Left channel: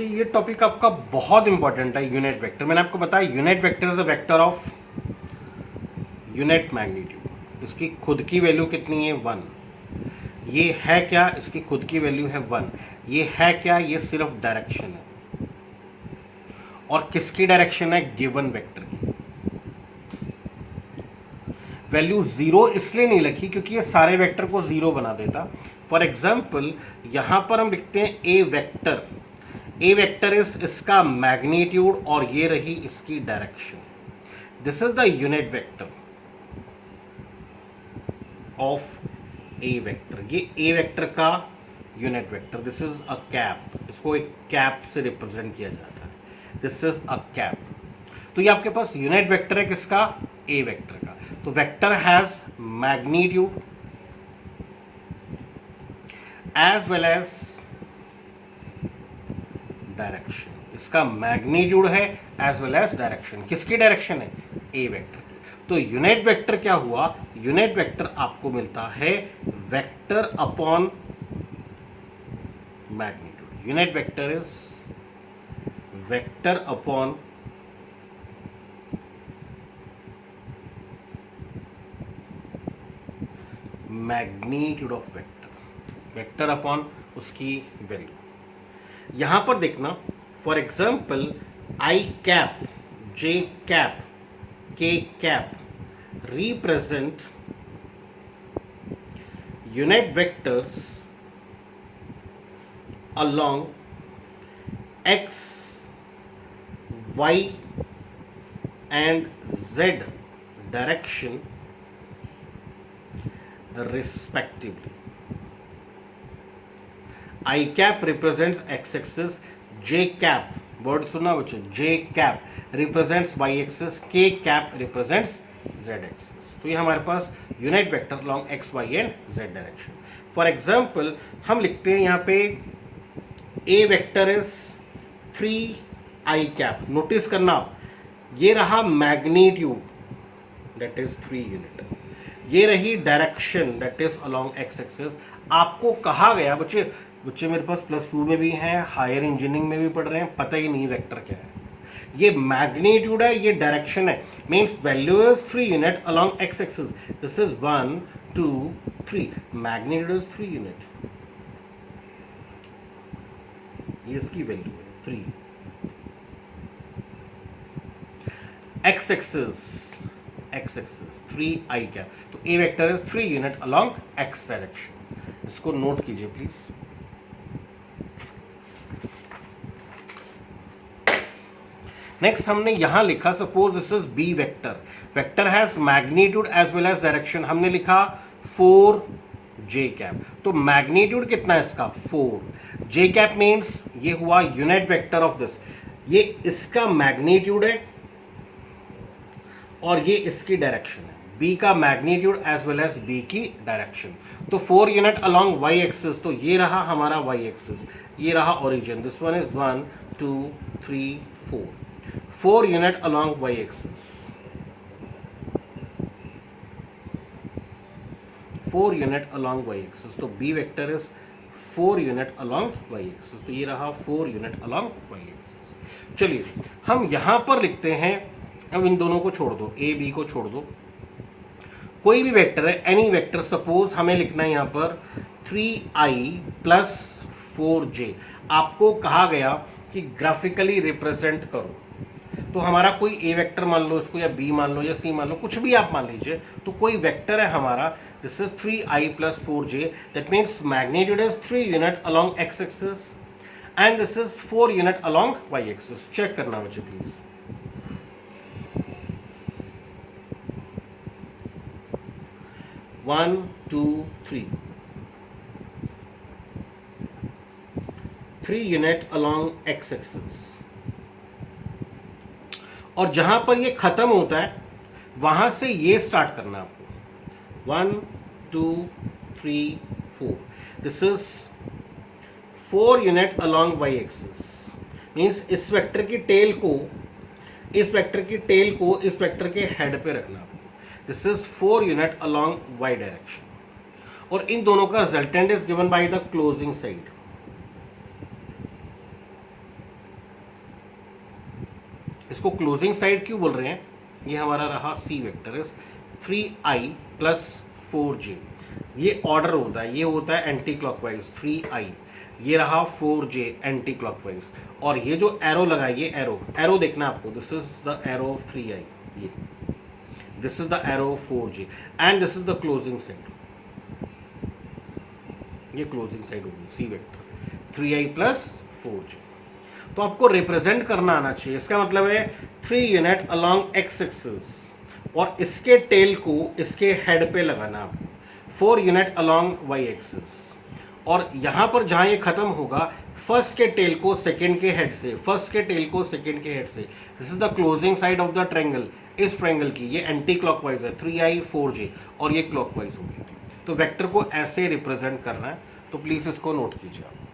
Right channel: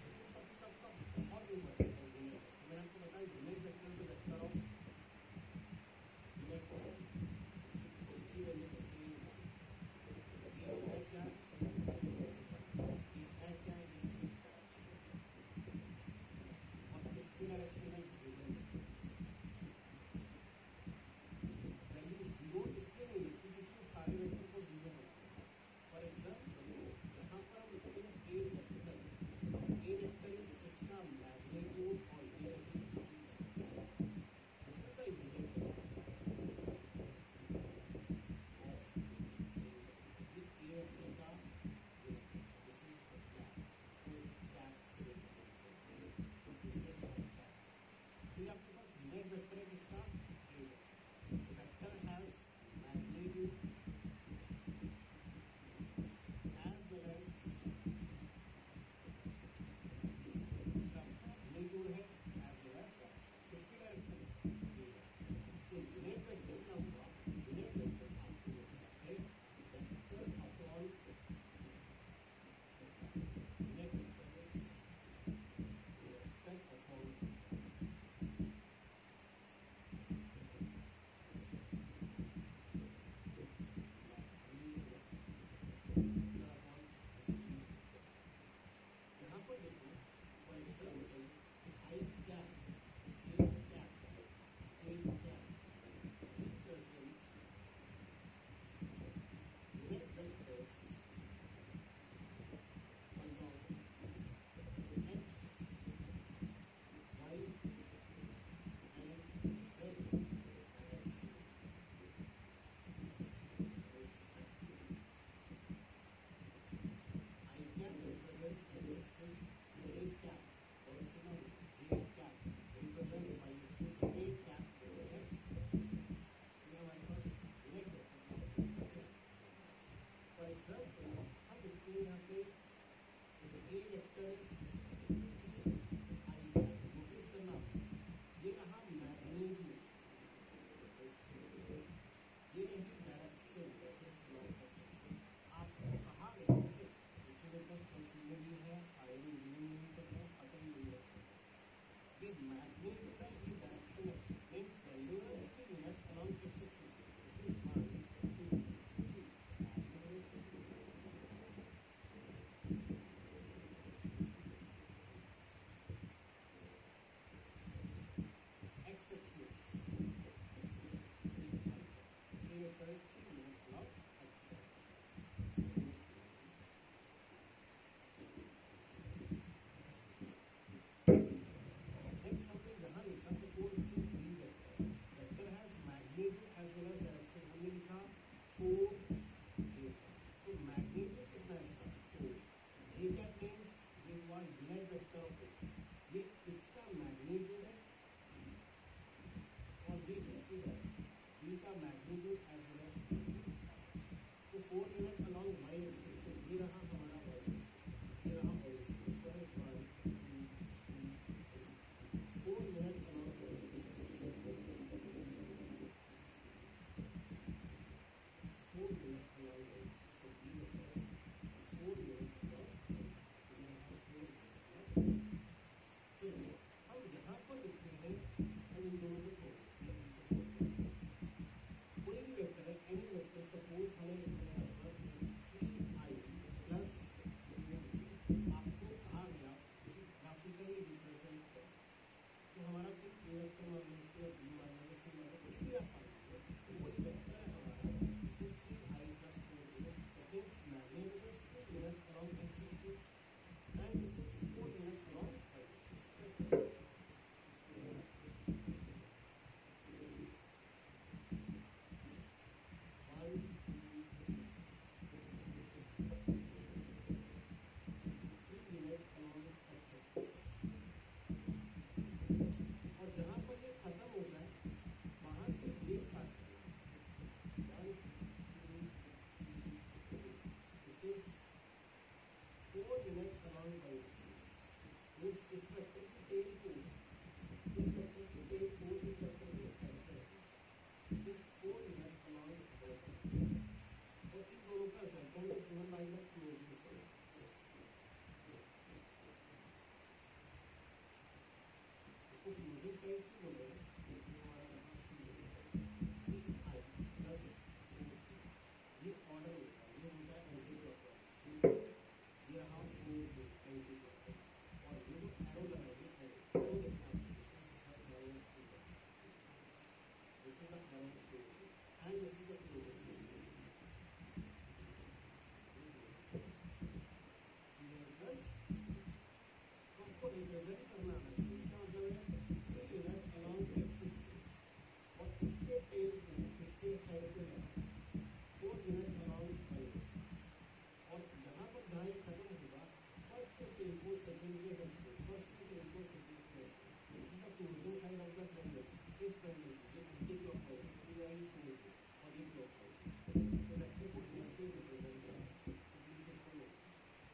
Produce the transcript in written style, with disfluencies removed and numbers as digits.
बच्चे ये टॉपिक आपका बहुत इंपॉर्टेंट है, यूनिट वेक्टर। मैंने आपको बताया unit vector is a vector of unit magnitude. इसकी खुद की वैल्यू कितनी है? 1। ये है क्या? इसकी खुद की वैल्यू है 1। ये है क्या? ये सिर्फ डायरेक्शन है। और किसकी डायरेक्शन है? गिवन वेक्टर की। वैल्यू 0 इसलिए नहीं लिखी क्योंकि ये सारे वेक्टर को 0 बना देता। फॉर एग्जाम्पल यहां पर हम लिखते हैं ए वेक्टर। ए वेक्टर इज इसका मैग्नीट्यूड और ये रही इसकी direction. This is the unit vector of A vector. ये ए वेक्टर का unit vector. This is a cap. इसको एक कैप से रिप्रेजेंट किया जाता है। This is a cap. तो ये आपके पास यूनिट वेक्टर है किसका? ए वेक्टर का। तो vector has magnitude as well as direction. इसका मैग्नीट्यूड है एज वेल एज डायरेक्शन। किसकी डायरेक्शन है? ए वेक्टर की। तो यूनिट वेक्टर क्या हुआ? यूनिट वेक्टर आपको मिलता है vector upon magnitude. Unit vector is vector upon magnitude of vector. Vector upon उसकी वैल्यू। यहां पर देखना, for example I cap, J cap, के cap represent unit vectors along x, y and z direction respectively. I cap represents x axis, j cap, word सुना बच्चों, j cap represents y axis, k cap represents z axis। तो ये हमारे पास unit vector along x, y and z direction. For example हम लिखते हैं यहाँ पे a vector is 3i cap. Notice करना आप, ये रहा मैग्नीट्यूड दैट इज 3 यूनिट, ये रही direction that is along x axis. आपको कहा गया बच्चे मेरे पास +2 में भी हैं, हायर इंजीनियरिंग में भी पढ़ रहे हैं, पता ही नहीं वेक्टर क्या है। ये मैग्नीट्यूड है, ये डायरेक्शन है, means value is 3 unit along x axis. This is 1 2 3, magnitude is 3 unit. ये इसकी वैल्यू है 3। x axis 3i cap. तो a vector is 3 unit along x direction. इसको नोट कीजिए प्लीज। नेक्स्ट हमने यहां लिखा, suppose this is b vector. Vector has magnitude as well as direction. हमने लिखा 4j कैप। तो मैग्नीट्यूड कितना है इसका? 4। j कैप मीन्स ये हुआ यूनिट वेक्टर ऑफ दिस। ये इसका मैग्नीट्यूड है और ये इसकी डायरेक्शन है। b का magnitude as well as b की डायरेक्शन। तो 4 यूनिट along y एक्सिस। तो ये रहा हमारा y एक्सिस, ये रहा origin. This one is 1 2 3 4। 4 unit along y axis, 4 unit along y axis। तो b vector is 4 unit along y axis। तो ये रहा 4 यूनिट along y axis। चलिए हम यहां पर लिखते हैं, अब इन दोनों को छोड़ दो, a b को छोड़ दो, कोई भी वेक्टर है, एनी वेक्टर। सपोज हमें लिखना है यहां पर 3i + 4j। आपको कहा गया कि ग्राफिकली रिप्रेजेंट करो। तो हमारा कोई ए वेक्टर मान लो इसको, या बी मान लो, या सी मान लो, कुछ भी आप मान लीजिए। तो कोई वेक्टर है हमारा, this is 3i + 4j। That means magnitude is 3 unit along x axis and this is 4 unit along y axis. Check करना बच्चे please. One two three, 3 unit along x axis. और जहां पर ये खत्म होता है वहां से ये स्टार्ट करना आपको। 1 2 3 4। This is 4 unit along y axis. Means इस वेक्टर की टेल को इस वेक्टर के हेड पे रखना। This is 4 unit along y direction. और इन दोनों का resultant is given by the closing side. इसको क्लोजिंग साइड क्यों बोल रहे हैं? ये हमारा रहा C vector is 3i plus 4j। ये ऑर्डर होता है, ये होता है एंटी क्लॉकवाइज 3i, ये रहा 4j एंटी क्लॉकवाइज, और ये जो एरो लगा है, ये एरो देखना आपको, this is the arrow of 3i, ये this is the arrow of 4j and this is the closing side, ये क्लोजिंग साइड होगी C vector 3i plus 4j। तो आपको रिप्रेजेंट करना आना चाहिए, इसका मतलब है 3 यूनिट अलोंग एक्स एक्सिस और इसके टेल को इसके हेड पे लगाना आपको, 4 यूनिट अलोंग वाई एक्सिस, और यहां पर जहां ये खत्म होगा फर्स्ट के टेल को सेकंड के हेड से, फर्स्ट के टेल को सेकंड के हेड से, this is the closing side of the triangle. इस ट्रायंगल की ये एंटी क्लॉकवाइज है 3i 4j और ये क्लॉकवाइज होगी। तो वेक्टर को ऐसे रिप्रेजेंट करना है, तो प्लीज इसको नोट कीजिए आप।